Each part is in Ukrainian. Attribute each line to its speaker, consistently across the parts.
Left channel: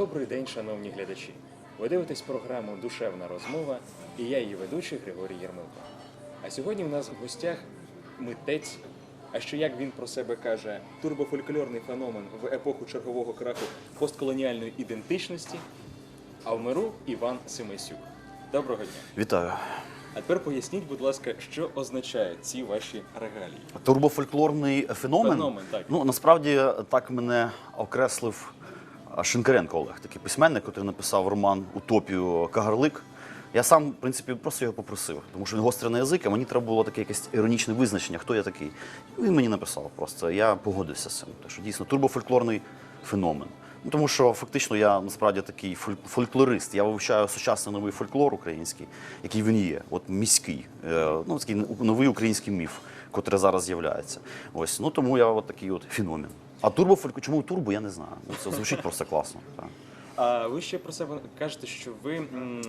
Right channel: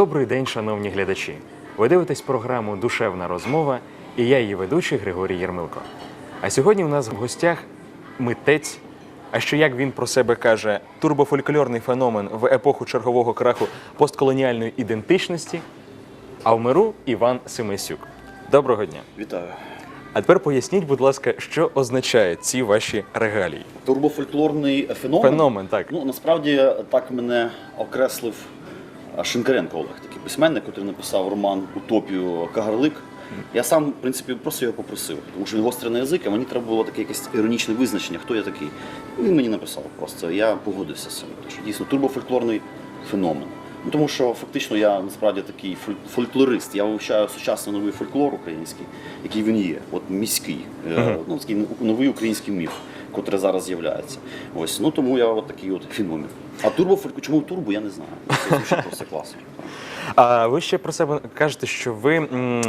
Speaker 1: Добрий день, шановні глядачі. Ви дивитесь програму Душевна розмова і я її ведучий Григорій Єрмилко. А сьогодні у нас в гостях митець. А що як він про себе каже, турбофольклорний феномен в епоху чергового краху постколоніальної ідентичності. А в миру Іван Семисюк. Доброго дня.
Speaker 2: Вітаю.
Speaker 1: А тепер поясніть, будь ласка, що означають ці ваші регалії?
Speaker 2: Турбофольклорний феномен.
Speaker 1: Феномен, так.
Speaker 2: Ну насправді так мене окреслив Шинкаренко Олег, такий письменник, який написав роман Утопію Кагарлик. Я сам, в принципі, просто його попросив, тому що він гострий на язик, а мені треба було таке якесь іронічне визначення, хто я такий. Він мені написав просто. Я погодився з цим. Тому що дійсно турбофольклорний феномен. Ну, тому що фактично я насправді такий фоль- фольклорист. Я вивчаю сучасний новий фольклор український, який він є, от міський, е, ну такий новий український міф, котрий зараз з'являється. Ось ну тому я от такий от феномен. А турбо чому турбо, я не знаю. Це звучить просто класно.
Speaker 1: А ви ще про себе кажете, що ви м,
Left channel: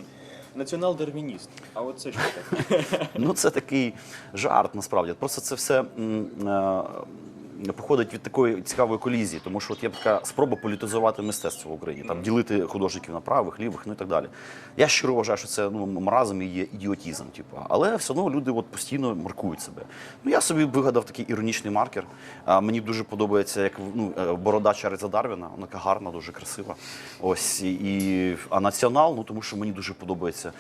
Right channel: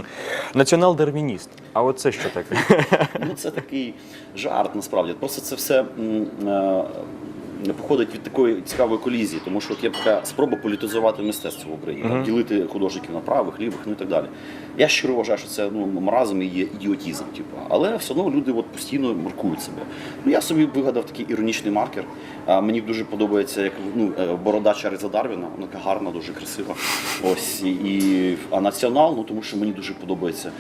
Speaker 1: націонал-дарвініст. А от це що таке?
Speaker 2: Ну це такий жарт насправді. Просто це все м, е, походить від такої цікавої колізії, тому що от є така спроба політизувати мистецтво в Україні, там, ділити художників на правих, лівих, ну і так далі. Я щиро вважаю, що це ну, маразм і є ідіотізм. Типу. Але все одно люди от постійно маркують себе. Ну, я собі вигадав такий іронічний маркер. А, мені дуже подобається, як ну, е, борода Чарльза Дарвіна, вона така гарна, дуже красива. Ось, і, і, а націонал, ну тому що мені дуже подобається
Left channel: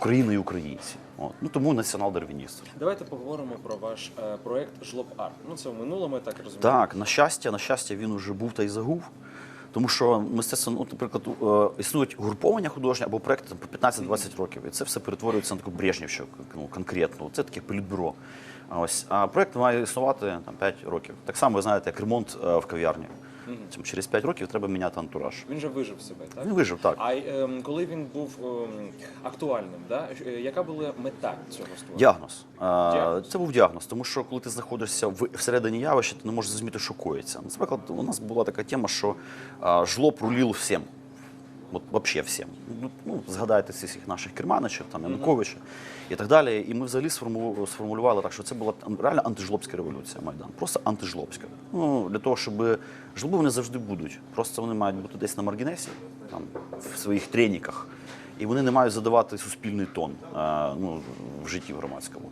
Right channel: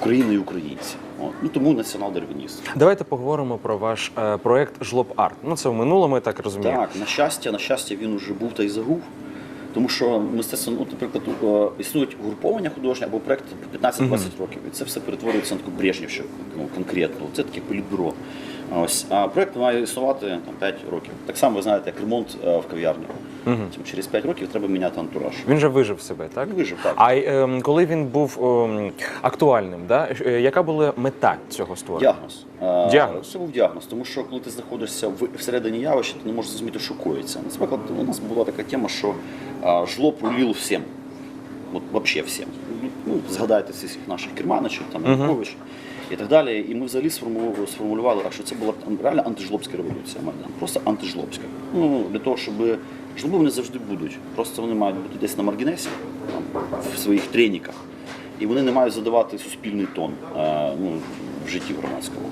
Speaker 2: Україна і українці. От. Ну, тому націонал-дарвініст.
Speaker 1: Давайте поговоримо про ваш е, проект Жлоб Арт. Ну це в минулому, я так розумію.
Speaker 2: Так, на щастя, на щастя, він уже був та й загув. Тому що мистецтво, ну, наприклад, е, існують угруповання художні або проекти по 15-20 років. І це все перетворюється на таку брежнівщину ну, конкретну. Це таке політбюро. Ось. А проект має існувати там, 5 років. Так само, ви знаєте, як ремонт е, в кав'ярні. Тобто Через 5 років треба міняти антураж.
Speaker 1: Він же вижив себе, так?
Speaker 2: Ну, вижив, так.
Speaker 1: А ем, коли він був ем, актуальним, да? е, яка була мета цього створення?
Speaker 2: Діагноз. Е,
Speaker 1: Діагноз.
Speaker 2: Це був діагноз, тому що коли ти знаходишся в- всередині явища, ти не можеш зрозуміти, що коїться. Наприклад, у нас була така тема, що а, жлоб рулив всім. От вообще всім. Ну, згадайте всіх наших керманичів, там Янукович і так далі. І ми взагалі сформулювали, так, що це була реально антижлобська революція Майдан. Просто антижлобська. Ну, для того, щоб жлоби вони завжди будуть. Просто вони мають бути десь на маргінесі, там, в своїх треніках. І вони не мають задавати суспільний тон е, ну, в житті громадському.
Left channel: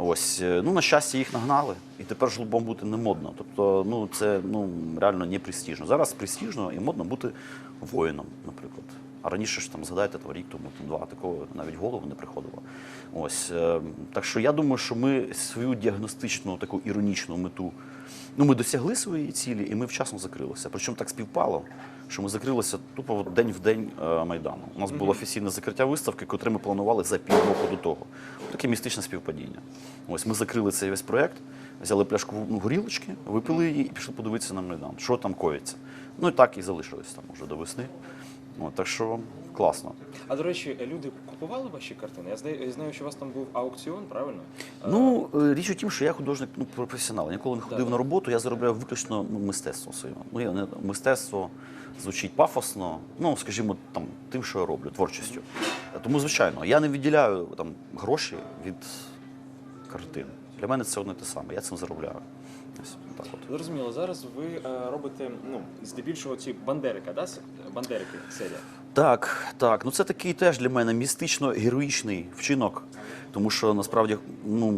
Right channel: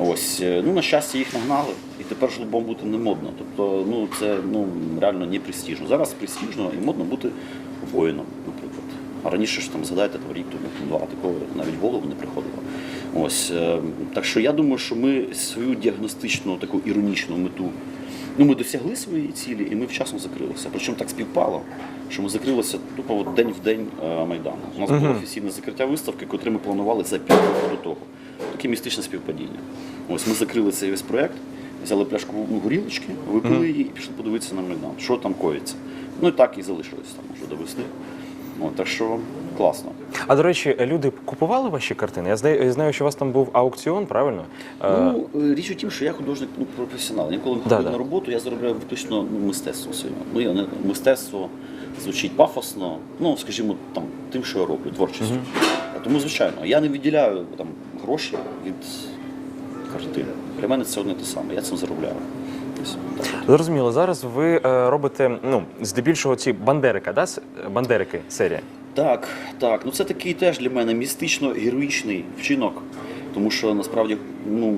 Speaker 2: Ось, е, ну, на щастя, їх нагнали, і тепер жлобом бути не модно. Тобто, ну, це ну, реально не престижно. Зараз престижно і модно бути воїном. А раніше ж там згадайте там, рік тому, два, такого навіть голову не приходило. Ось, е, так що я думаю, що ми свою діагностичну таку іронічну мету Ну, ми досягли своєї цілі, і ми вчасно закрилися. Причому так співпало, що ми закрилися тупо от день в день е, Майдану. У нас було офіційне закриття виставки, котре ми планували за півроку до того. Таке містичне співпадіння. Ось ми закрили цей весь проєкт, взяли пляшку горілочки, випили її і пішли подивитися на Майдан, що там коїться. Ну і так і залишились там вже до весни. От, так що класно.
Speaker 1: А до речі, люди купували ваші картини? Я знаю, я знаю, що у вас там був аукціон, правильно? Е,
Speaker 2: Ну, е, річ у тім, що я художник ну, професіонал. Я коли
Speaker 1: Да,
Speaker 2: ходив
Speaker 1: да.
Speaker 2: на роботу, я заробляв виключно ну, мистецтвом своїм. Ну, я не мистецтво звучить пафосно, ну, скажімо, там, тим, що я роблю, творчістю. Тому, звичайно, я не відділяю там, гроші від картин. Для мене це одне те саме, я цим заробляю. Ось.
Speaker 1: Зрозуміло, зараз ви е, робите ну, здебільшого ці бандерика, да? с- бандерики серія.
Speaker 2: Так, так. Ну це такий теж для мене містично-героїчний вчинок, тому що насправді, ну.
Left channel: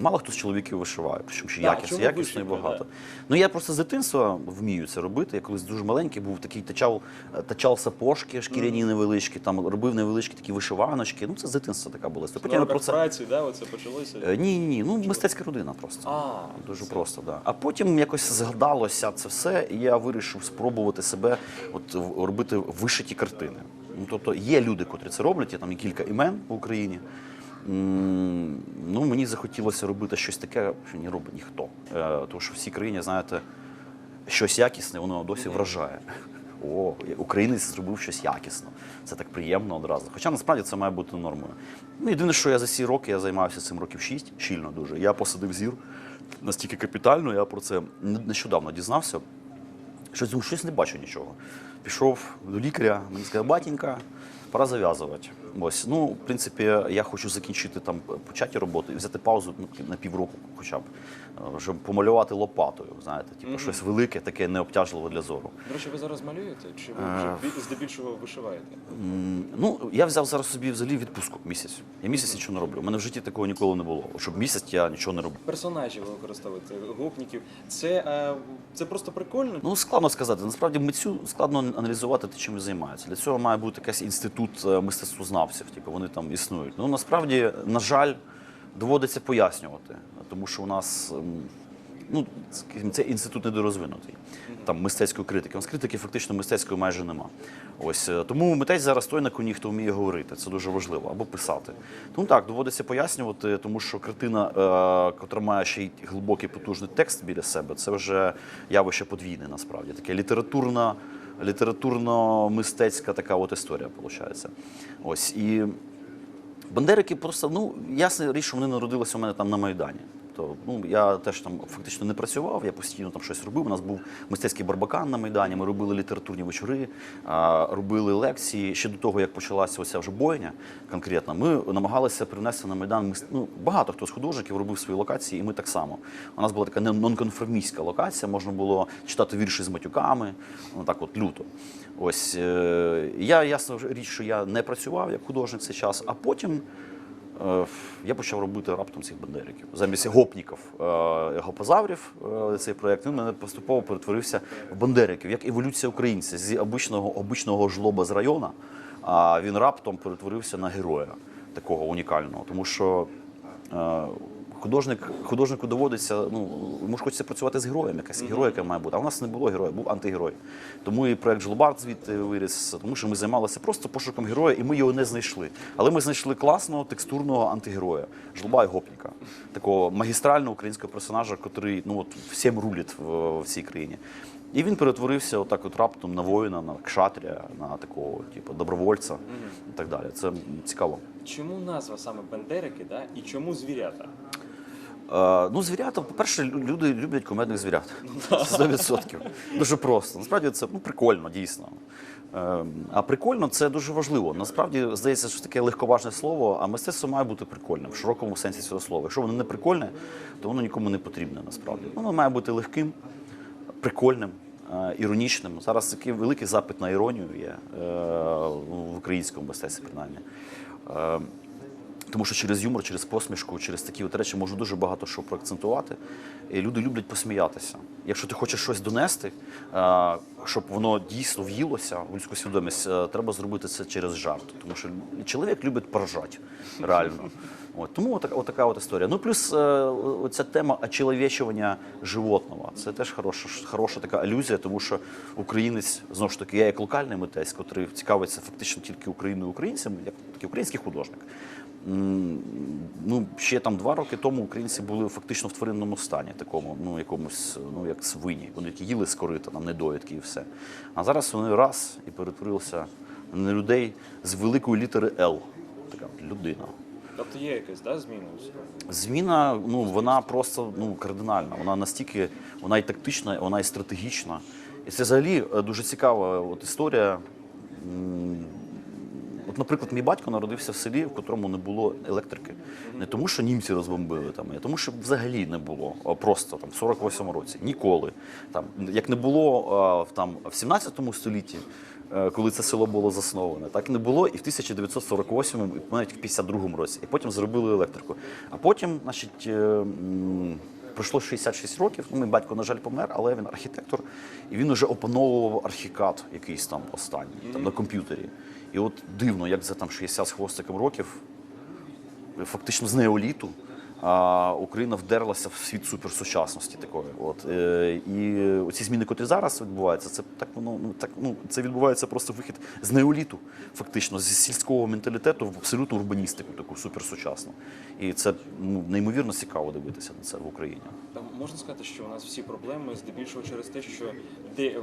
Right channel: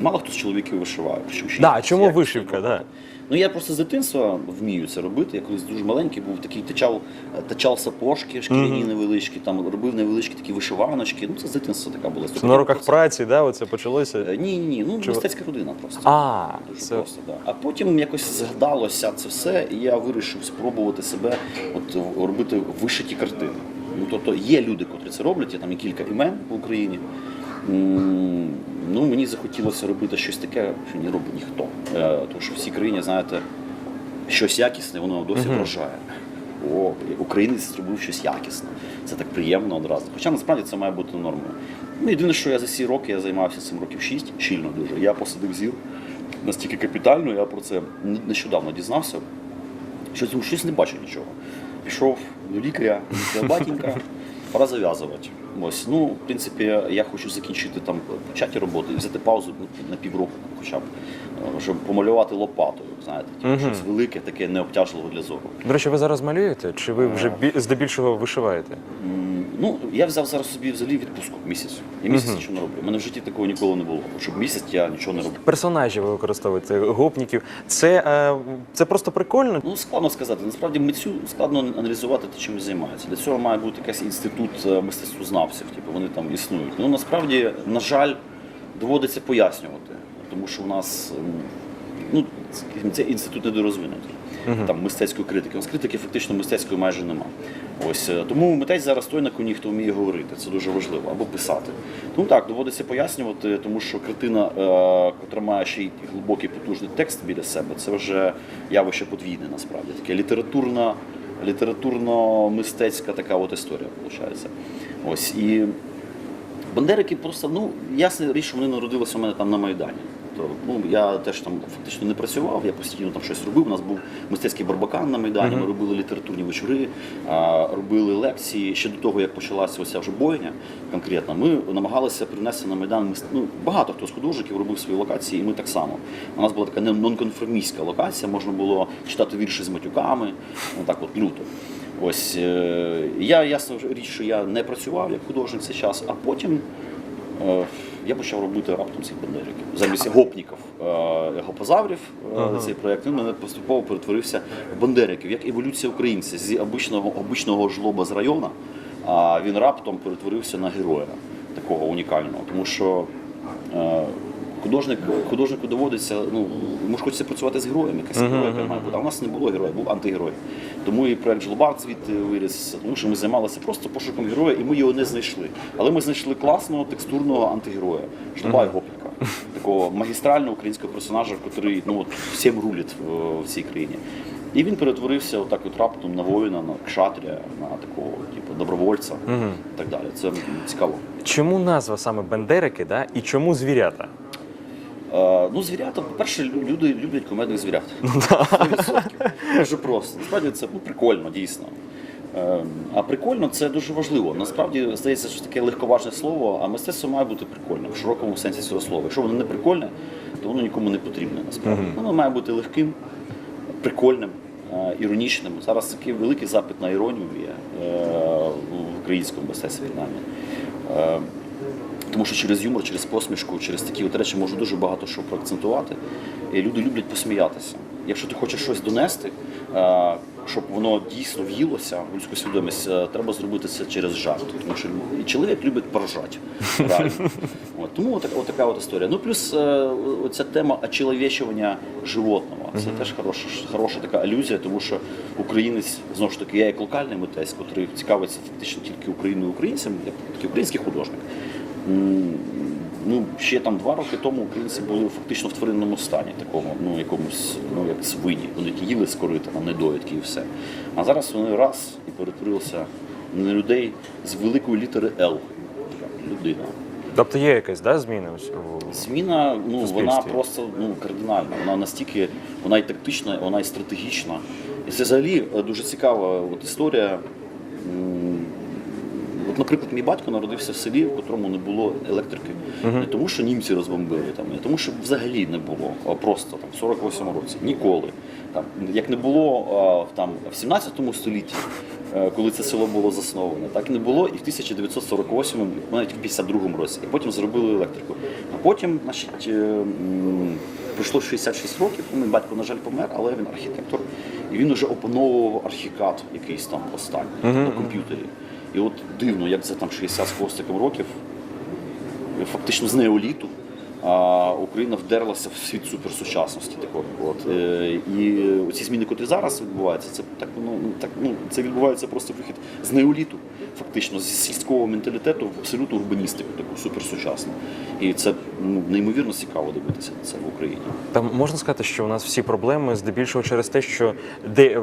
Speaker 2: Мало хто з чоловіків вишиває. Причому ще
Speaker 1: Да,
Speaker 2: якість-
Speaker 1: чому
Speaker 2: якість
Speaker 1: вишивка,
Speaker 2: багато.
Speaker 1: да.
Speaker 2: Ну я просто з дитинства вмію це робити. Я колись дуже маленький був, такий тачав, тачав сапожки, шкіряні невеличкі, там робив невеличкі такі вишиваночки. Ну це з дитинства така була.
Speaker 1: Це на роках праці, да, оце почалося.
Speaker 2: Е, Ні, ні, ні. Ну мистецька родина просто.
Speaker 1: А,
Speaker 2: Дуже
Speaker 1: це-
Speaker 2: просто, да. А потім якось згадалося це все, і я вирішив спробувати себе от в- робити вишиті картини. Ну тобто є люди, котрі це роблять, є там і кілька імен в Україні. Ну, мені захотілося робити щось таке, що не робить ніхто. Е, Тому що в цій країні, знаєте, щось якісне, воно досі вражає. О, українець зробив щось якісне. Це так приємно одразу. Хоча насправді це має бути нормою. Ну, єдине, що я за ці роки я займався цим років 6, щільно дуже. Я посадив зір настільки капітально, я про це нещодавно дізнався. Щось, щось не бачу нічого. Пішов до лікаря, до батінька. Пора зав'язувати. Ось, ну, в принципі, я хочу закінчити там початі роботи і взяти паузу ну, на півроку, хоча б, е, щоб помалювати лопатою, знаєте, типу, щось велике, таке необтяжливе для зору.
Speaker 1: До речі, ви зараз малюєте, чи ви вже бі- здебільшого вишиваєте?
Speaker 2: М, Ну, я взяв зараз собі взагалі відпустку місяць. Я місяць нічого не роблю. У мене в житті такого ніколи не було. Щоб місяць я нічого не роблю.
Speaker 1: Персонажів ви використовуєте, гопніків. Це, е, це просто прикольно.
Speaker 2: Ну, складно сказати. Насправді митцю складно аналізувати те, чим він займається. Для цього має бути якийсь інститут е, мистецтвознавців, типу вони там існують. Ну насправді, на жаль, доводиться пояснювати, тому що у нас ну, це інститут недорозвинутий. Там мистецької критики. У нас критики фактично мистецької майже нема. Ось е, тому митець зараз той на коні, хто вміє говорити. Це дуже важливо, або писати. Тому так, доводиться пояснювати, тому що картина, е, котра має ще й глибокий потужний текст біля себе, це вже явище подвійне насправді. Таке літературна, літературно-мистецька така от історія, виходить. Ось і Бандерики просто, ну, ясна річ, що вони народилися у мене там на Майдані. То, ну, я теж там фактично не працював, я постійно там щось робив. У нас був мистецький барбакан на Майдані, ми робили літературні вечори, робили лекції. Ще до того, як почалася оця вже бойня конкретно, ми намагалися привнести на Майдан ну, багато хто з художників робив свої локації, і ми так само. У нас була така не- нонконформістська локація, можна було читати вірші з матюками, отак от люто. Ось е, я ясно річ, що я не працював як художник цей час, а потім я почав робити раптом цих бандериків. Замість гопніків, е, гопозаврів е, цей проєкт він мене поступово перетворився в бандериків, як еволюція українця з обичного, обичного жлоба з району, а він раптом перетворився на героя такого унікального. Тому що е, художник, художнику доводиться, ну, йому ж хочеться працювати з героєм, якась героїка має бути. А в нас не було героя, був антигерой. Тому і проект Жлобард звідти виріс, тому що ми займалися просто пошуком героя, і ми його не знайшли. Але ми знайшли класного текстурного антигероя, Жлоба Гопніка, такого магістрального українського персонажа, який ну, от, всім рулить в, в цій країні. І він перетворився отак от раптом на воїна, на кшатря, на такого типу добровольця і так далі. Це цікаво.
Speaker 1: Чому назва саме Бендерики, да? і чому звірята?
Speaker 2: Е, ну, звірята, по-перше, люди люблять комедних звірят. 100%. Дуже просто. Насправді це ну, прикольно, дійсно. Е, А прикольно це дуже важливо. Насправді здається, що таке легковажне слово, а мистецтво має бути прикольним в широкому сенсі цього слова. Якщо воно не прикольне, то воно нікому не потрібне. Насправді воно має бути легким, прикольним, е, іронічним. Зараз такий великий запит на іронію є е, в українському мистецтві тому що через юмор, через посмішку, через такі от речі можна дуже багато що проакцентувати. І люди люблять посміятися. Якщо ти хочеш щось донести, щоб воно дійсно в'їлося в людську свідомість, треба зробити це через жарт. Тому що чоловік любить поржати. Реально. От, тому от, от така от історія. Ну плюс е, оця тема очеловечування животного. Це теж хороша, хороша така алюзія, тому що українець знову ж таки, я як локальний митець, який цікавиться фактично тільки Україною українцям, я такий український художник. Ну, ще там два роки тому українці були фактично в тваринному стані, такому, ну, якомусь, ну, як свині. Вони ті їли з корита, там, недоїдки і все. А зараз вони раз і перетворилися на людей з великої літери Л. Людина.
Speaker 1: Тобто є якась да, зміна?
Speaker 2: Зміна, ну вона просто ну кардинальна. Вона настільки вона і тактична, вона і стратегічна. І це взагалі е, дуже цікава от історія. От, наприклад, мій батько народився в селі, в котрому не було електрики. Не тому, що німці розбомбили там, не тому, що взагалі не було, а просто там в 48-му році. Ніколи. Там, як не було там, в 17 столітті, е, коли це село було засноване, так не було і в 1948-му, навіть в 52-му році. І потім зробили електрику. А потім, значить, е, пройшло 66 років. Мій батько, на жаль, помер, але він архітектор, і він вже опановував архікад якийсь там останній на комп'ютері. І от дивно, як за там 60 з хвостиком років, фактично з неоліту, а Україна вдерлася в світ суперсучасності такої. От, е, і оці зміни, котрі зараз відбуваються, це так ну, так ну це відбувається просто вихід з неоліту, фактично з сільського менталітету в абсолютну урбаністику, таку суперсучасну. І це ну, неймовірно цікаво дивитися це в Україні.
Speaker 1: Там можна сказати, що у нас всі проблеми здебільшого через те, що де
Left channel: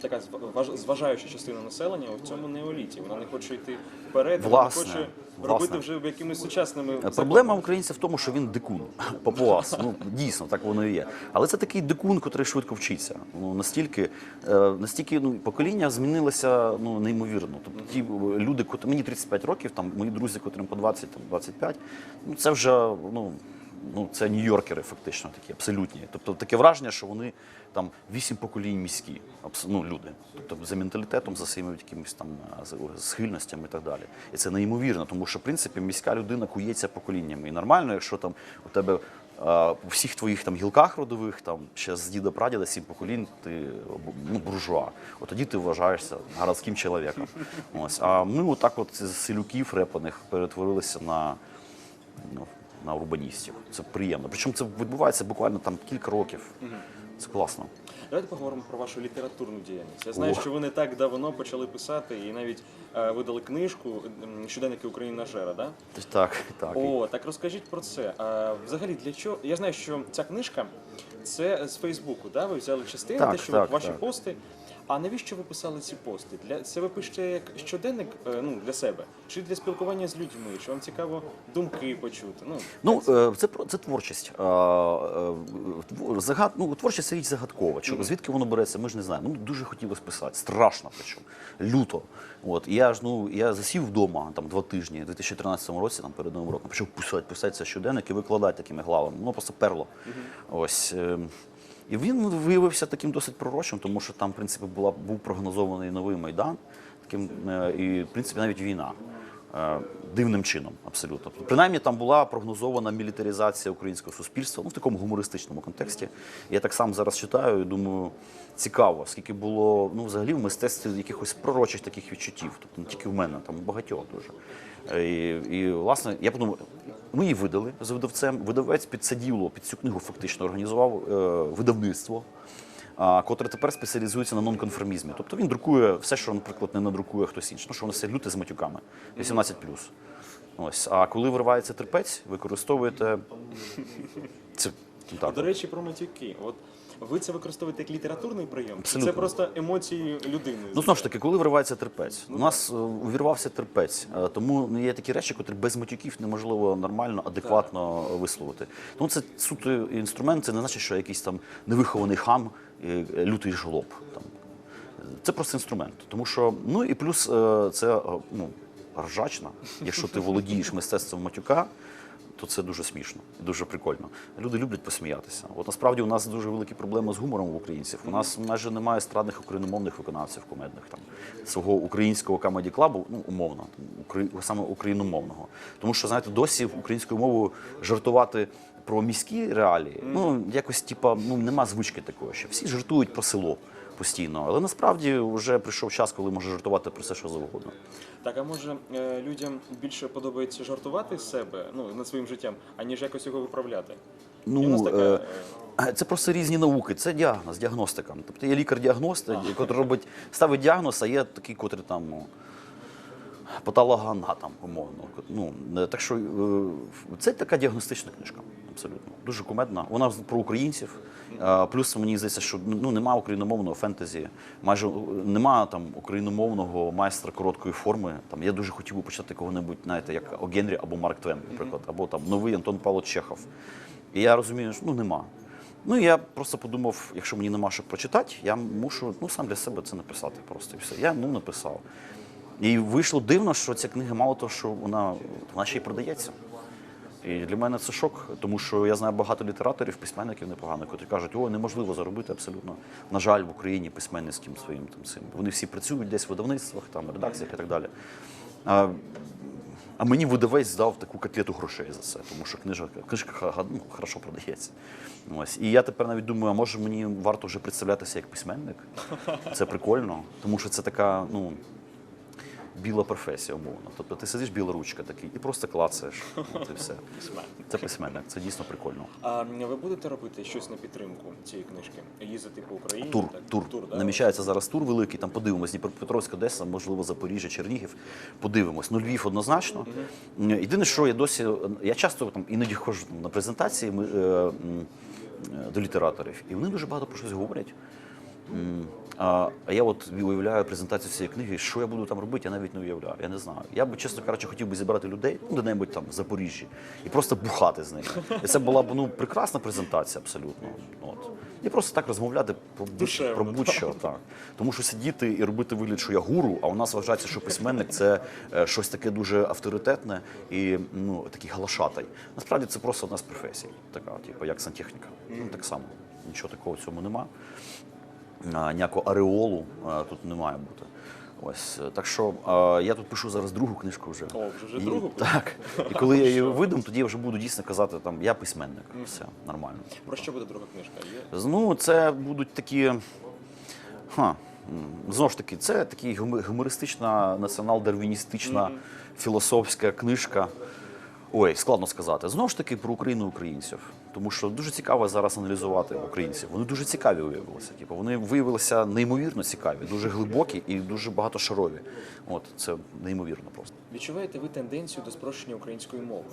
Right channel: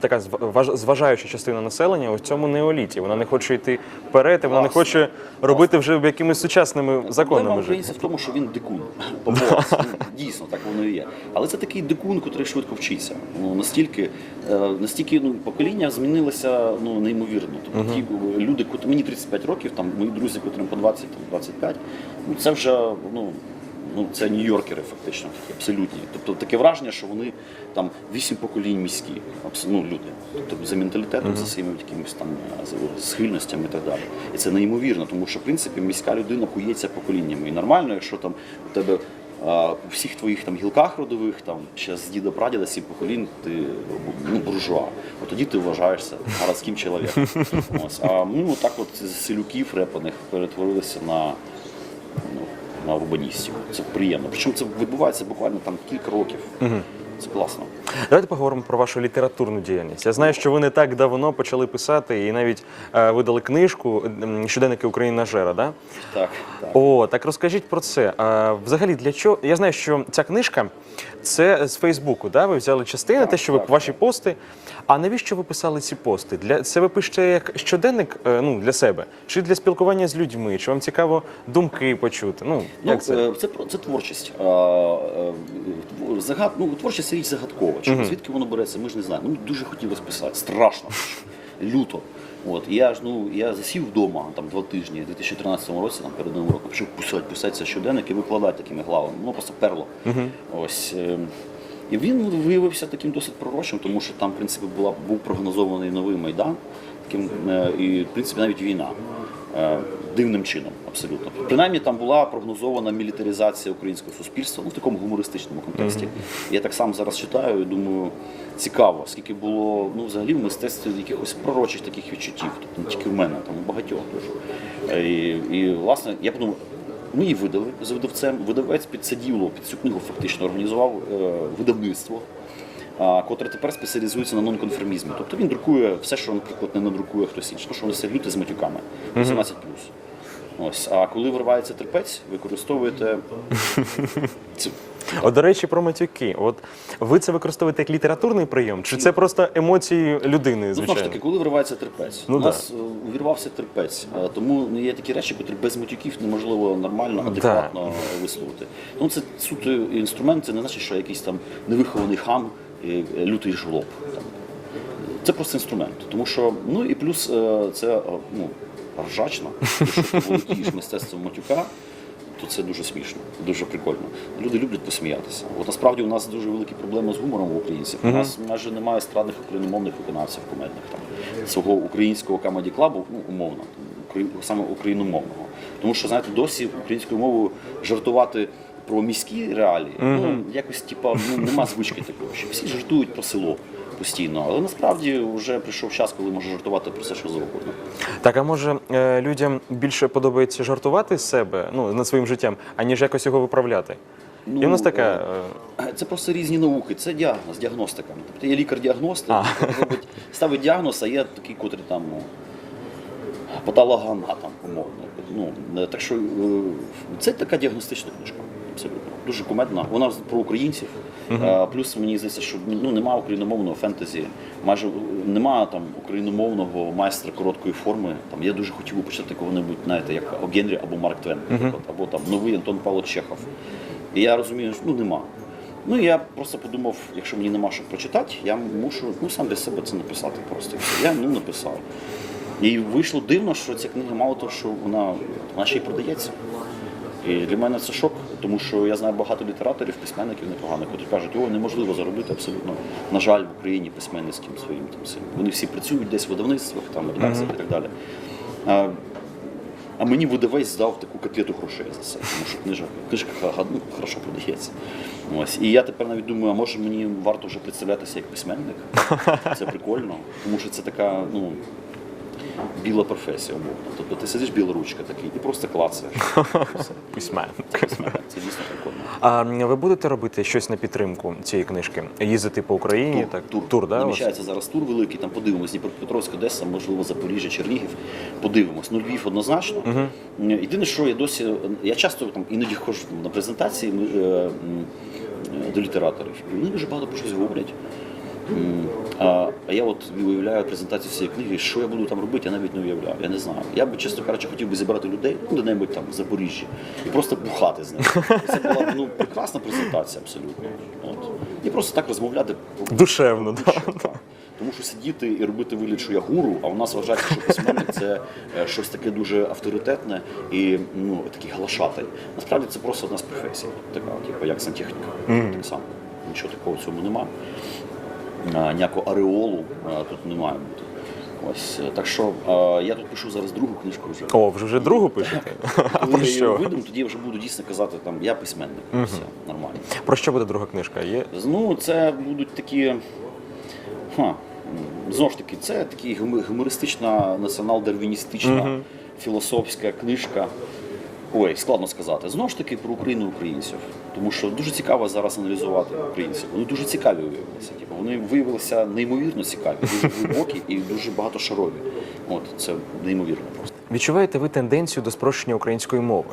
Speaker 1: така зв- важ- зважаюча частина населення у цьому неоліті. Вона не хоче йти вперед, і вона не хоче робити вже якимись сучасними законами. вже.
Speaker 2: українця в тому, що він дикун. Ну, дійсно, так воно і є. Але це такий дикун, який швидко вчиться. Ну, настільки, е, настільки ну, покоління змінилося ну, неймовірно. Тобто ті е, люди, мені 35 років, там, мої друзі, котрим по 20, там, 25, ну, це вже ну, ну, це нью-йоркери фактично, такі, абсолютні. Тобто таке враження, що вони там вісім поколінь міські, ну, люди. Тобто за менталітетом, за своїми якимись там е, схильностями і так далі. І це неймовірно, тому що в принципі міська людина кується поколіннями. І нормально, якщо там у тебе а, у всіх твоїх там гілках родових, там ще з діда прадіда, сім поколінь, ти ну, буржуа. От тоді ти вважаєшся городським чоловіком. Ось. А ми отак от з селюків репаних перетворилися на ну, на урбаністів. Це приємно. Причому це відбувається буквально там кілька років. Це класно.
Speaker 1: Давайте поговоримо про вашу літературну діяльність. Я знаю, що ви не так давно почали писати і навіть е, видали книжку м, Щоденники України Жера. Да?
Speaker 2: Так, так.
Speaker 1: О, так розкажіть про це. А, взагалі, для чого? Я знаю, що ця книжка це з Фейсбуку, да? ви взяли частину,
Speaker 2: Так,
Speaker 1: те, що ви
Speaker 2: так,
Speaker 1: ваші
Speaker 2: так.
Speaker 1: пости. А навіщо ви писали ці пости? Для це ви пишете як щоденник е, ну, для себе, чи для спілкування з людьми? Чи вам цікаво думки почути? Ну,
Speaker 2: Ну,
Speaker 1: як це?
Speaker 2: е, це, це творчість. Е, Загад, ну, творчість це річ загадкова. Чому, Звідки воно береться, ми ж не знаємо. Ну, дуже хотілося писати. Страшно. Люто. От, я ж ну я засів вдома там два тижні, в 2013 році, там перед новим роком, почав писати, писати це щоденник і викладати такими главами. Ну просто перло. Ось. І він виявився таким досить пророчим, тому що там, в принципі, була, був прогнозований новий майдан, таким, е, і в принципі навіть війна. Е, Дивним чином, абсолютно. Принаймні там була прогнозована мілітаризація українського суспільства ну, в такому гумористичному контексті. Я так само зараз читаю і думаю, цікаво, скільки було ну, взагалі в мистецтві якихось пророчих таких відчуттів. Тобто не тільки в мене, там у багатьох дуже. Е, І, і власне, я подумав, ми її видали з видавцем. Видавець під під цю книгу фактично організував е, видавництво котре тепер спеціалізується на нонконформізмі. Тобто він друкує все, що, наприклад, не надрукує хтось інший. Ну, що вони все люди з матюками. 18 Ось. А коли виривається терпець, використовуєте цю.
Speaker 1: От, до речі, про матюки. От ви це використовуєте як літературний прийом, чи це просто емоції людини?
Speaker 2: Ну, знову ж таки, коли виривається терпець,
Speaker 1: Ну,
Speaker 2: у нас е, увірвався терпець. Е, Тому ну, є такі речі, котрі без матюків неможливо нормально, адекватно висловити. Ну це суто інструмент, це не значить, що якийсь там невихований хам, е, лютий жлоб. Це просто інструмент. Тому що, ну і плюс це ну, ржачно, якщо ти володієш мистецтвом матюка. То це дуже смішно, дуже прикольно. Люди люблять посміятися. От насправді у нас дуже великі проблеми з гумором у українців. У нас майже немає естрадних україномовних виконавців кумедних там свого українського камеді клабу, ну умовно, саме україномовного. Тому що знаєте, досі українською мовою жартувати про міські реалії, ну якось типа ну нема звички такої. Що всі жартують про село постійно, але насправді вже прийшов час, коли можна жартувати про все, що завгодно.
Speaker 1: Так, а може е, людям більше подобається жартувати з себе, ну над своїм життям, аніж якось його виправляти?
Speaker 2: Ну,
Speaker 1: І у нас така.
Speaker 2: е,
Speaker 1: е,
Speaker 2: Це просто різні науки. Це діагноз, діагностика. Тобто є лікар-діагност, який робить, ставить діагноз, а є такий, котрий там патологоанатом, умовно. Ну, е, так що е, це така діагностична книжка. Абсолютно. Дуже кумедна. Вона про українців. Е, Плюс мені здається, що ну, нема україномовного фентезі, майже е, нема там україномовного майстра короткої форми. Там я дуже хотів би почитати кого-небудь, знаєте, як о Генрі або Марк Твен, наприклад, або там новий Антон Павлович Чехов. І я розумію, що ну нема. Ну я просто подумав, якщо мені нема що прочитати, я мушу ну, сам для себе це написати просто. Я ну, написав. І вийшло дивно, що ця книга мало того, що вона, вона ще й продається. І для мене це шок, тому що я знаю багато літераторів, письменників непоганих, які кажуть, о, неможливо заробити абсолютно, на жаль, в Україні письменницьким своїм там цим. Вони всі працюють десь в видавництвах, там, редакціях і так далі. А, а мені видавець здав таку котлету грошей за це, тому що книжка, книжка ну, хорошо продається. Ось. І я тепер навіть думаю, а може мені варто вже представлятися як письменник? Це прикольно, тому що це така, ну, біла професія, умовно. Тобто ти сидиш біла ручка такий, ти просто клацаєш. і все.
Speaker 1: Письменник.
Speaker 2: Це письменник, це дійсно прикольно.
Speaker 1: А ви будете робити щось на підтримку цієї книжки? Їздити по Україні?
Speaker 2: Тур,
Speaker 1: так?
Speaker 2: тур,
Speaker 1: тур да?
Speaker 2: Намічається зараз тур великий, там подивимось, Дніпропетровська, Одеса, можливо, Запоріжжя, Чернігів. Подивимось. Ну, Львів однозначно. Єдине, що я досі, я часто там іноді ходжу на презентації ми, е, м, до літераторів, і вони дуже багато про щось говорять. А, а я от уявляю презентацію цієї книги, що я буду там робити, я навіть не уявляю. Я не знаю. Я би, чесно кажучи, хотів би зібрати людей ну, де-небудь там в Запоріжжі і просто бухати з ними. І це була б ну, прекрасна презентація абсолютно. От. І просто так розмовляти
Speaker 1: Душевно,
Speaker 2: про будь-що, так. Тому що сидіти і робити вигляд, що я гуру, а у нас вважається, що письменник це е, щось таке дуже авторитетне і ну, такий глашатай. Насправді це просто одна з професій, така, типу, як сантехніка. Так само. Нічого такого в цьому немає. Ніякого ареолу тут не має бути. Ось е, так що я тут пишу зараз другу книжку вже.
Speaker 1: О, вже вже другу пишете?
Speaker 2: І коли я її видам, тоді я вже буду дійсно казати, там я письменник. Все нормально.
Speaker 1: Про що буде друга книжка? Є?
Speaker 2: Ну, це будуть такі. Ха, знову ж таки, це такі гумористична, націонал-дарвіністична філософська книжка. Ой, складно сказати. Знову ж таки про Україну українців. Тому що дуже цікаво зараз аналізувати українців. Вони дуже цікаві виявилися. Типу, вони виявилися неймовірно цікаві, дуже глибокі і дуже багатошарові. От це неймовірно просто.
Speaker 1: Відчуваєте ви тенденцію до спрощення української мови?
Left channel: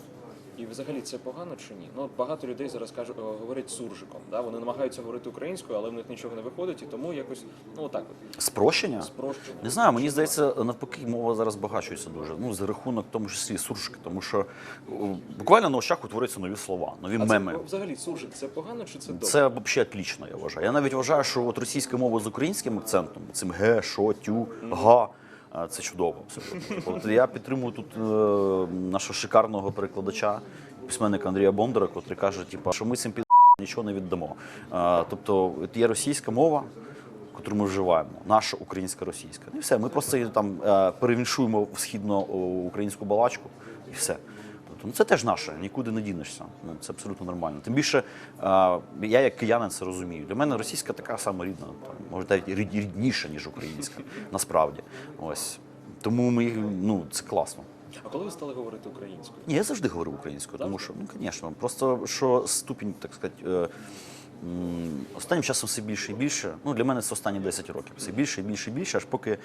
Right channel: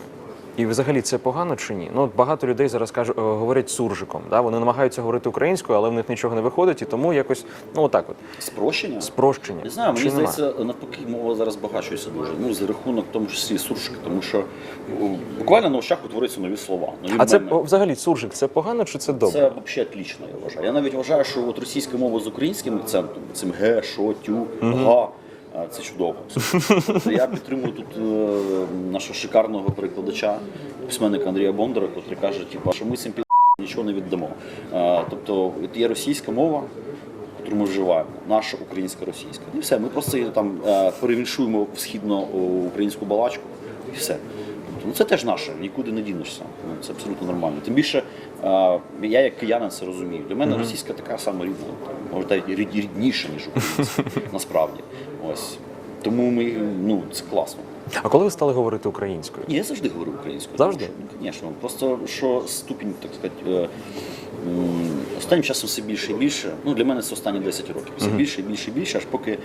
Speaker 1: І взагалі це погано чи ні? Ну багато людей зараз кажуть, е, говорять суржиком. Да? Вони намагаються говорити українською, але в них нічого не виходить, і тому якось ну отак от
Speaker 2: Спрощення?
Speaker 1: спрощення.
Speaker 2: Не знаю, мені здається, навпаки, мова зараз багачується дуже. Ну, за рахунок тому числі суржика, тому що буквально на очах утворюються нові слова, нові
Speaker 1: А це
Speaker 2: меми.
Speaker 1: о, взагалі суржик це погано чи це добре?
Speaker 2: Це взагалі отлично, я вважаю. Я навіть вважаю, що от російська мова з українським акцентом, цим ге, шо, тю, га. Це чудово. Я підтримую тут е, нашого шикарного перекладача, письменника Андрія Бондара, який каже, типу, що ми цим під нічого не віддамо. Тобто є російська мова, яку ми вживаємо, наша українська російська. І все. Ми просто її там е, перевіншуємо в східно-українську балачку і все. Ну це теж наше, нікуди не дінешся. Ну, Це абсолютно нормально. Тим більше а, я як киянин це розумію. Для мене російська така сама рідна, може навіть рід- рідніша, ніж українська, насправді. Ось. Тому ми, ну, це класно.
Speaker 1: А коли ви стали говорити українською?
Speaker 2: Ні, я завжди говорю українською.
Speaker 1: Завжди?
Speaker 2: Тому що, звісно, просто що ступінь, так сказати, е, м, останнім часом все більше і більше. Ну, для мене це останні 10 років. Все більше і більше і більше, аж поки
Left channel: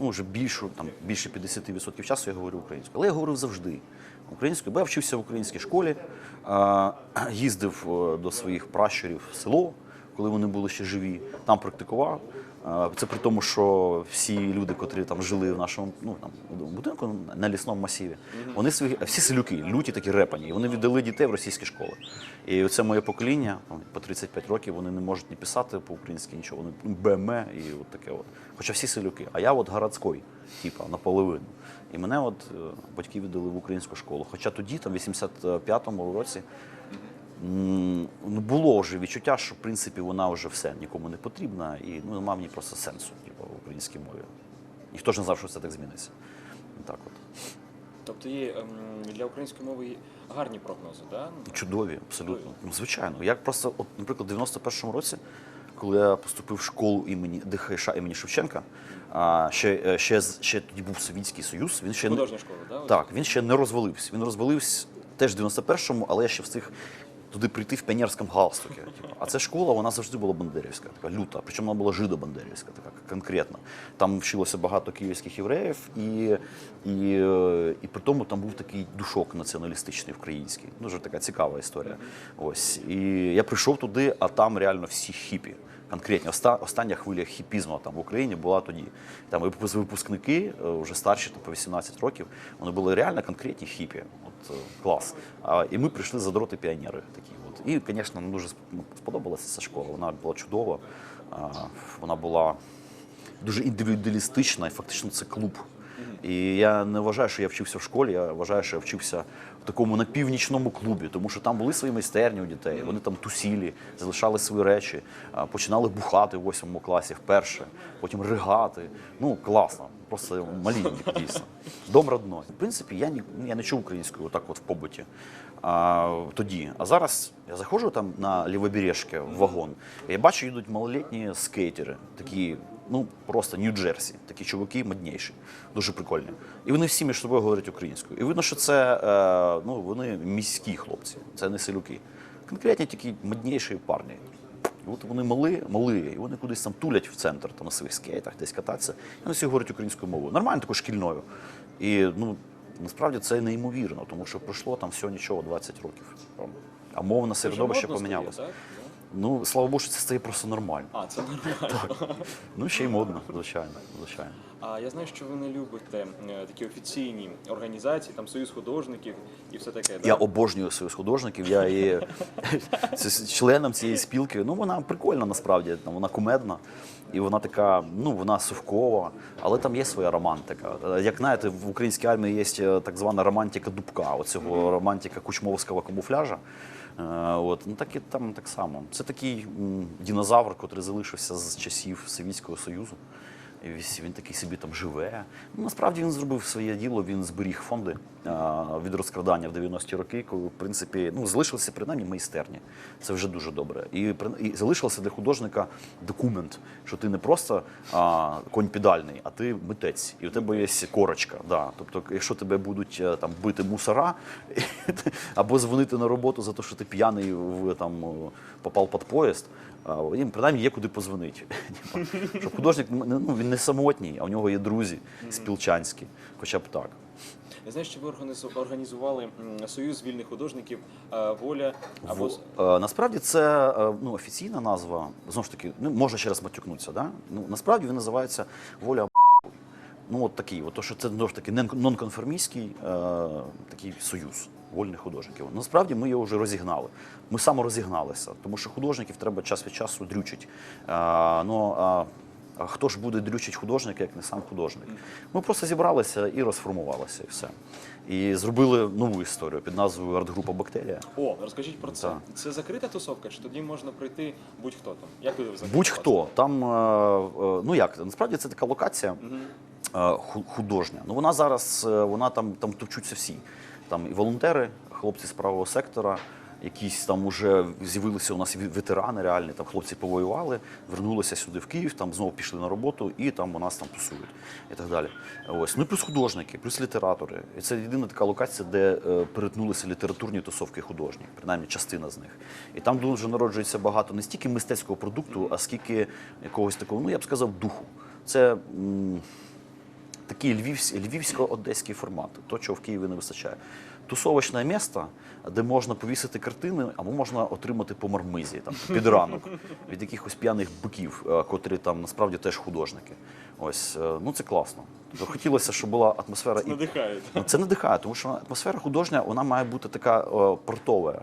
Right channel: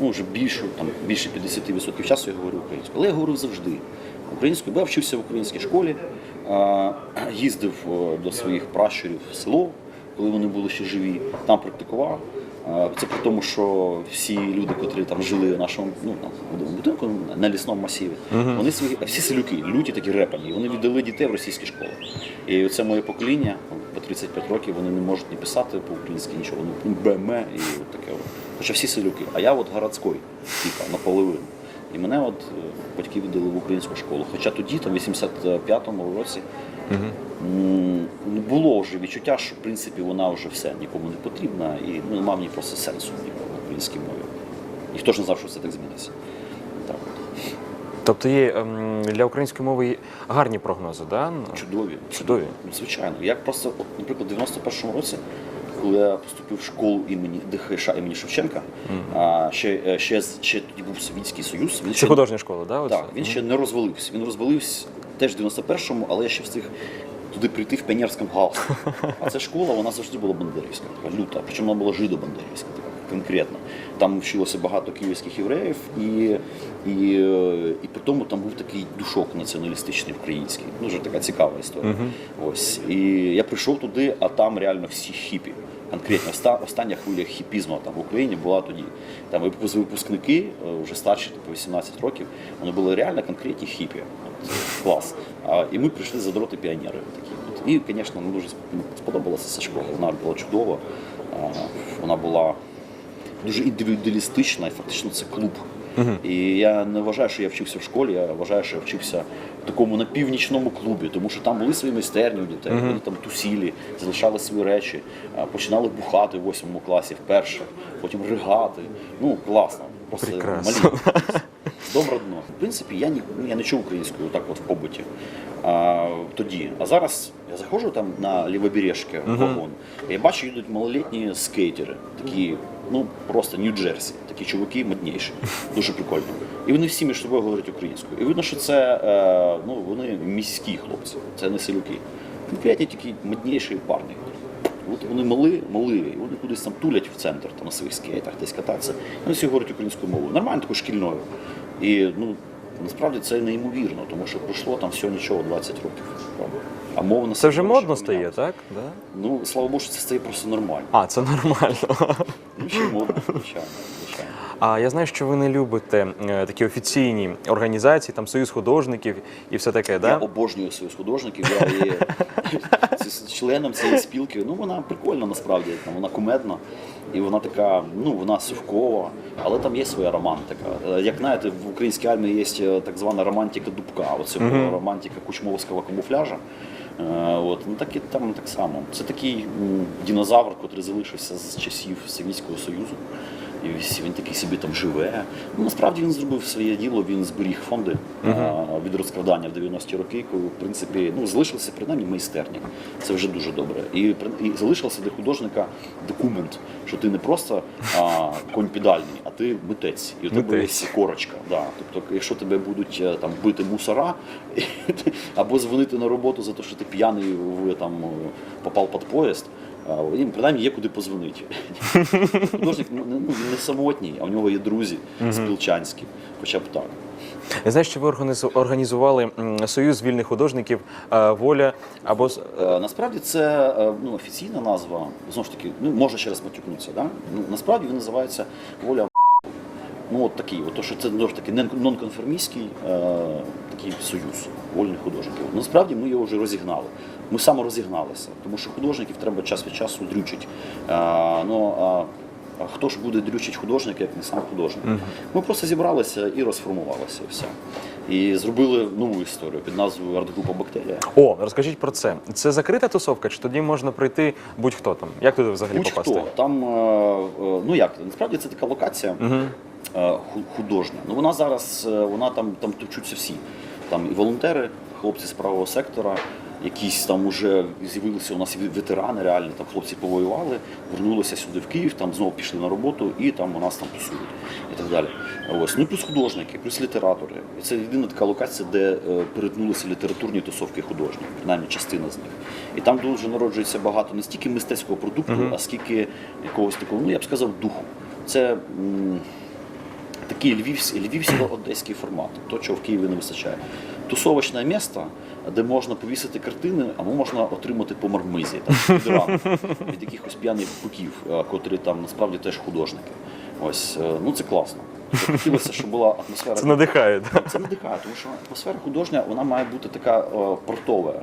Speaker 2: ну, вже більшу, там, більше 50% часу я говорю українською. Але я говорив завжди українською, бо я вчився в українській школі, їздив е, до своїх пращурів в село, коли вони були ще живі, там практикував. Це при тому, що всі люди, котрі там жили в нашому ну, будинку на лісному масиві, вони свої всі селюки, люті такі репані, і вони віддали дітей в російські школи. І це моє покоління, по 35 років, вони не можуть ні писати по-українськи нічого, вони БМ і от таке. От. Хоча всі селюки. А я от городський, типа, наполовину. І мене от е, батьки віддали в українську школу. Хоча тоді, там, в 85-му році, ну, було вже відчуття, що в принципі вона вже все нікому не потрібна і ну, немає в ній просто сенсу ніякого в українській мові. Ніхто ж не знав, що це так зміниться. Так от.
Speaker 1: Тобто є ем, для української мови гарні прогнози, да?
Speaker 2: Чудові.
Speaker 1: Чудові.
Speaker 2: Ну, звичайно. Як просто, от, наприклад, в 91-му році, коли я поступив в школу імені ДХШ імені Шевченка, а, ще, е, ще, ще тоді був Совітський Союз. Він
Speaker 1: Це художня школа, да?
Speaker 2: Так, він ще не розвалився. Він розвалився теж в 91-му, але я ще встиг туди прийти в піонерському галсту. А ця школа, вона завжди була бандерівська, така люта. Причому вона була жидо-бандерівська, така конкретно. Там вчилося багато київських євреїв, і, і, і при тому там був такий душок націоналістичний український. Дуже така цікава історія. Ось. І я прийшов туди, а там реально всі хіпі. Конкретно оста- остання хвиля хіпізму там в Україні була тоді. Там випускники, е, вже старші, по 18 років, вони були реально конкретні хіпі. От, е, клас. А, і ми прийшли задроти піонери. Такі. От. І, звісно, мені дуже сподобалася ця школа. Вона була чудова. Вона була дуже індивідуалістична і фактично це клуб. І я не вважаю, що я вчився в школі, я вважаю, що я вчився в такому на північному клубі, тому що там були свої майстерні у дітей, вони там тусілі, залишали свої речі, починали бухати в восьмому класі вперше, потім ригати. Ну, класно. Просто
Speaker 1: Прекрасно.
Speaker 2: малі. Добре дно. В принципі, я, ні, я не чув українською так от в побуті а, тоді. А зараз я заходжу там на лівобережки в вагон, і я бачу, йдуть малолітні скейтери, такі ну просто Нью-Джерсі. Такі чуваки модніші, дуже прикольні. І вони всі між собою говорять українською. І видно, що це е, ну, вони міські хлопці, це не селюки. Конкретні такі модніші парні. От вони мали, мали, і вони кудись там тулять в центр там, на своїх скейтах, десь кататися. І Вони всі говорять українською мовою. Нормально такою шкільною. І ну, насправді це неймовірно, тому що пройшло там всього нічого 20 років. правда. А мовна
Speaker 1: Це вже модно стає, так? Да?
Speaker 2: Ну, слава Богу, що це стає просто нормально.
Speaker 1: А, це нормально.
Speaker 2: Ну, ще й модно, звичайно.
Speaker 1: А я знаю, що ви не любите е, такі офіційні організації, там Союз художників і все таке,
Speaker 2: Я
Speaker 1: да?
Speaker 2: обожнюю союз художників. Я є членом цієї спілки. Ну вона прикольна насправді. Вона кумедна і вона така, ну вона совкова, але там є своя романтика. Як знаєте, в українській армії є е, так звана романтика дубка, оцього романтика кучмовського камуфляжа. Е, От ну так і там так само. Це такий динозавр, який залишився з часів Совєтського Союзу. І він такий собі там живе. Ну, насправді він зробив своє діло, він зберіг фонди а, від розкрадання в 90-ті роки, коли, в принципі, ну, залишилися принаймні майстерні. Це вже дуже добре. І, і залишився для художника документ, що ти не просто а, конь педальний, а ти митець. І у тебе є корочка. Да. Тобто, якщо тебе будуть е, там бити мусора або дзвонити на роботу за те, що ти п'яний в там попав під поїзд. А, Їм принаймні є куди позвонити. Художник ну, не- ну, він не самотній, а у нього є друзі спілчанські, хоча б так.
Speaker 1: Я знаю, що ви організу- організували Союз вільних художників е, Воля або
Speaker 2: Е, Насправді це е, ну, офіційна назва, знову ж таки, ну, можна ще раз матюкнутися. Да? Ну, насправді він називається воля. Ну, от такий, от, то, що це ж таки нонконформістський е, такий союз вольних художників. Насправді ми його вже розігнали. Ми саморозігналися, тому що художників треба час від часу дрючить. Е, ну, а, а хто ж буде дрючить художника, як не сам художник? Ми просто зібралися і розформувалися, і все. І зробили нову історію під назвою арт-група Бактерія.
Speaker 1: О, розкажіть про це. Це закрита тусовка, чи тоді можна прийти будь-хто там? Як туди взагалі
Speaker 2: Будь-хто
Speaker 1: попасти?
Speaker 2: там, е, е, ну як насправді це така локація ху- художня. Ну вона зараз, е, вона там там товчуться всі. Там і волонтери, хлопці з правого сектора, якісь там уже з'явилися у нас ветерани, реальні там хлопці повоювали, вернулися сюди в Київ, там знову пішли на роботу і там у нас там тусують і так далі. Ось ну і плюс художники, плюс літератори. І це єдина така локація, де е, перетнулися літературні тусовки художні, принаймні частина з них. І там дуже народжується багато не стільки мистецького продукту, а скільки якогось такого, ну я б сказав, духу. Це м, такий львівсь, львівсько-одеський формат, то, чого в Києві не вистачає. Тусовочне місто, де можна повісити картини, або можна отримати по мармизі там, під ранок, від якихось п'яних буків, е, котрі там насправді теж художники. Ось, е, ну це класно. Тобто Хотілося, щоб була атмосфера.
Speaker 1: Це надихає.
Speaker 2: Це надихає, тому що атмосфера художня вона має бути така о, портова.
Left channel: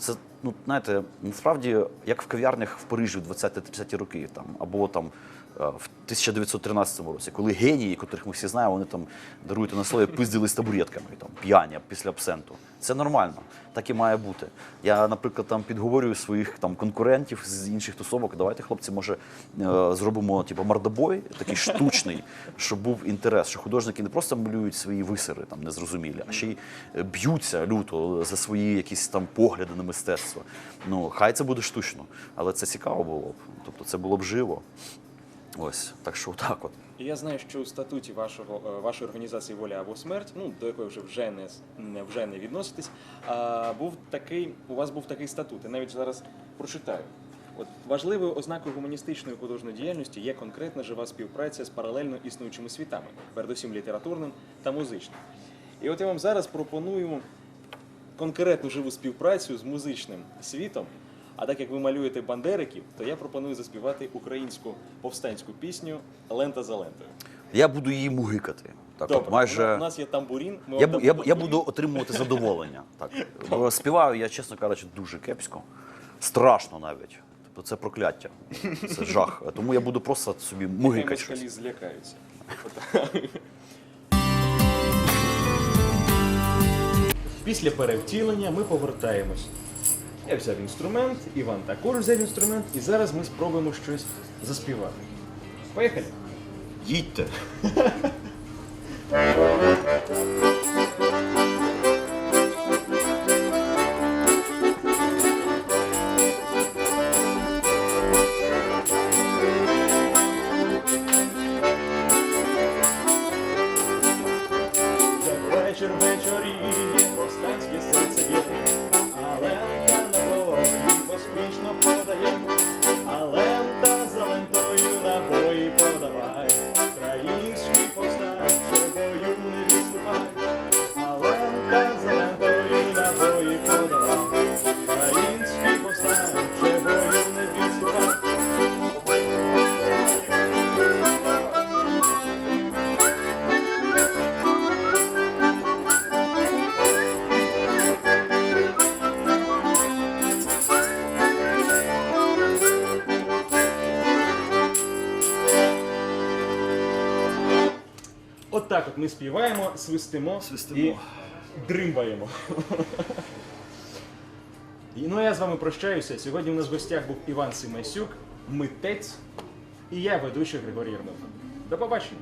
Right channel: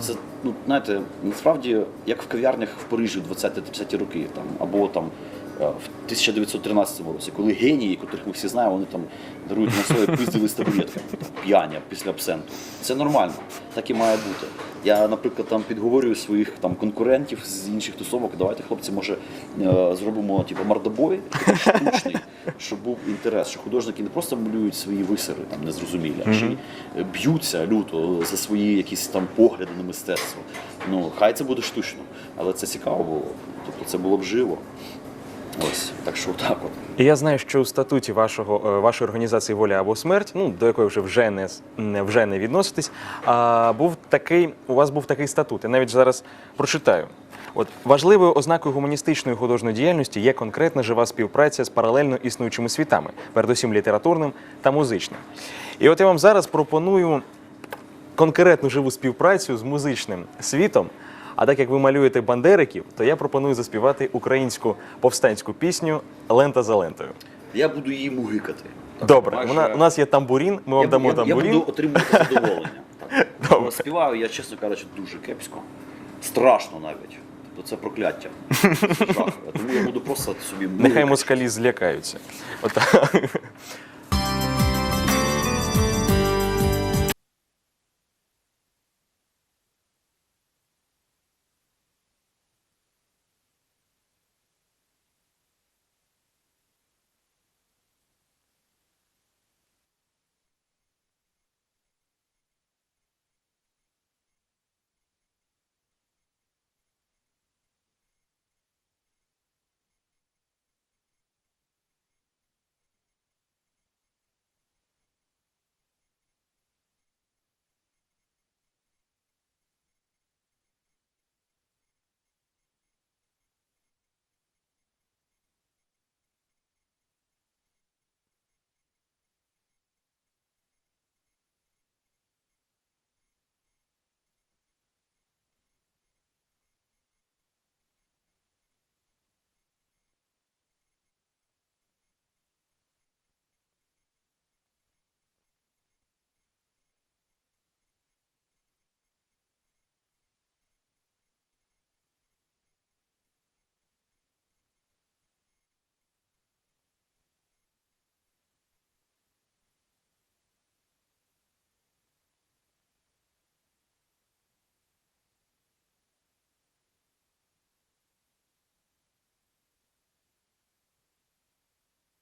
Speaker 2: Це ну знаєте, насправді як в кав'ярнях в Парижі в 20-30 роки, там або там е, в 1913 році, коли генії, котрих ми всі знаємо, вони там дарують на своє пиздили з табуретками, там, п'яні після абсенту. Це нормально, так і має бути. Я, наприклад, там підговорюю своїх там конкурентів з інших тусовок. Давайте, хлопці, може е, зробимо типу, мордобой такий штучний, щоб був інтерес, що художники не просто малюють свої висери там незрозумілі, а ще й е, б'ються люто за свої якісь там погляди на мистецтво. Ну, хай це буде штучно, але це цікаво було. Тобто це було б живо. Ось, так що так от.
Speaker 1: І я знаю, що у статуті вашого е, вашої організації Воля або смерть, ну до якої вже вже не вже не відноситесь. А був такий, у вас був такий статут. Я навіть зараз прочитаю. От важливою ознакою гуманістичної художньої діяльності є конкретна жива співпраця з паралельно існуючими світами, передусім літературним та музичним. І от я вам зараз пропоную конкретну живу співпрацю з музичним світом. А так як ви малюєте бандериків, то я пропоную заспівати українську повстанську пісню Лента за лентою.
Speaker 2: Я буду її мугикати. Так,
Speaker 1: Добре,
Speaker 2: майже-
Speaker 1: вона, у нас є тамбурін, ми
Speaker 2: я,
Speaker 1: вам дамо
Speaker 2: я, я буду отримувати задоволення. Так.
Speaker 1: Добре.
Speaker 2: Співаю я, чесно кажучи, дуже кепсько. Страшно навіть. Тобто це прокляття. Це жах. Тому я буду просто собі
Speaker 1: Нехай москалі злякаються. Після перевтілення ми повертаємось. Я взяв інструмент, Іван також взяв інструмент, і зараз ми спробуємо щось заспівати. Поїхали.
Speaker 2: Їдьте.
Speaker 1: ми співаємо, свистимо,
Speaker 2: Свистимо.
Speaker 1: і дримбаємо. І, Ну, я з вами прощаюся. Сьогодні у нас в гостях був Іван Симасюк, митець, і я ведучий Григорій Єрмов. До побачення.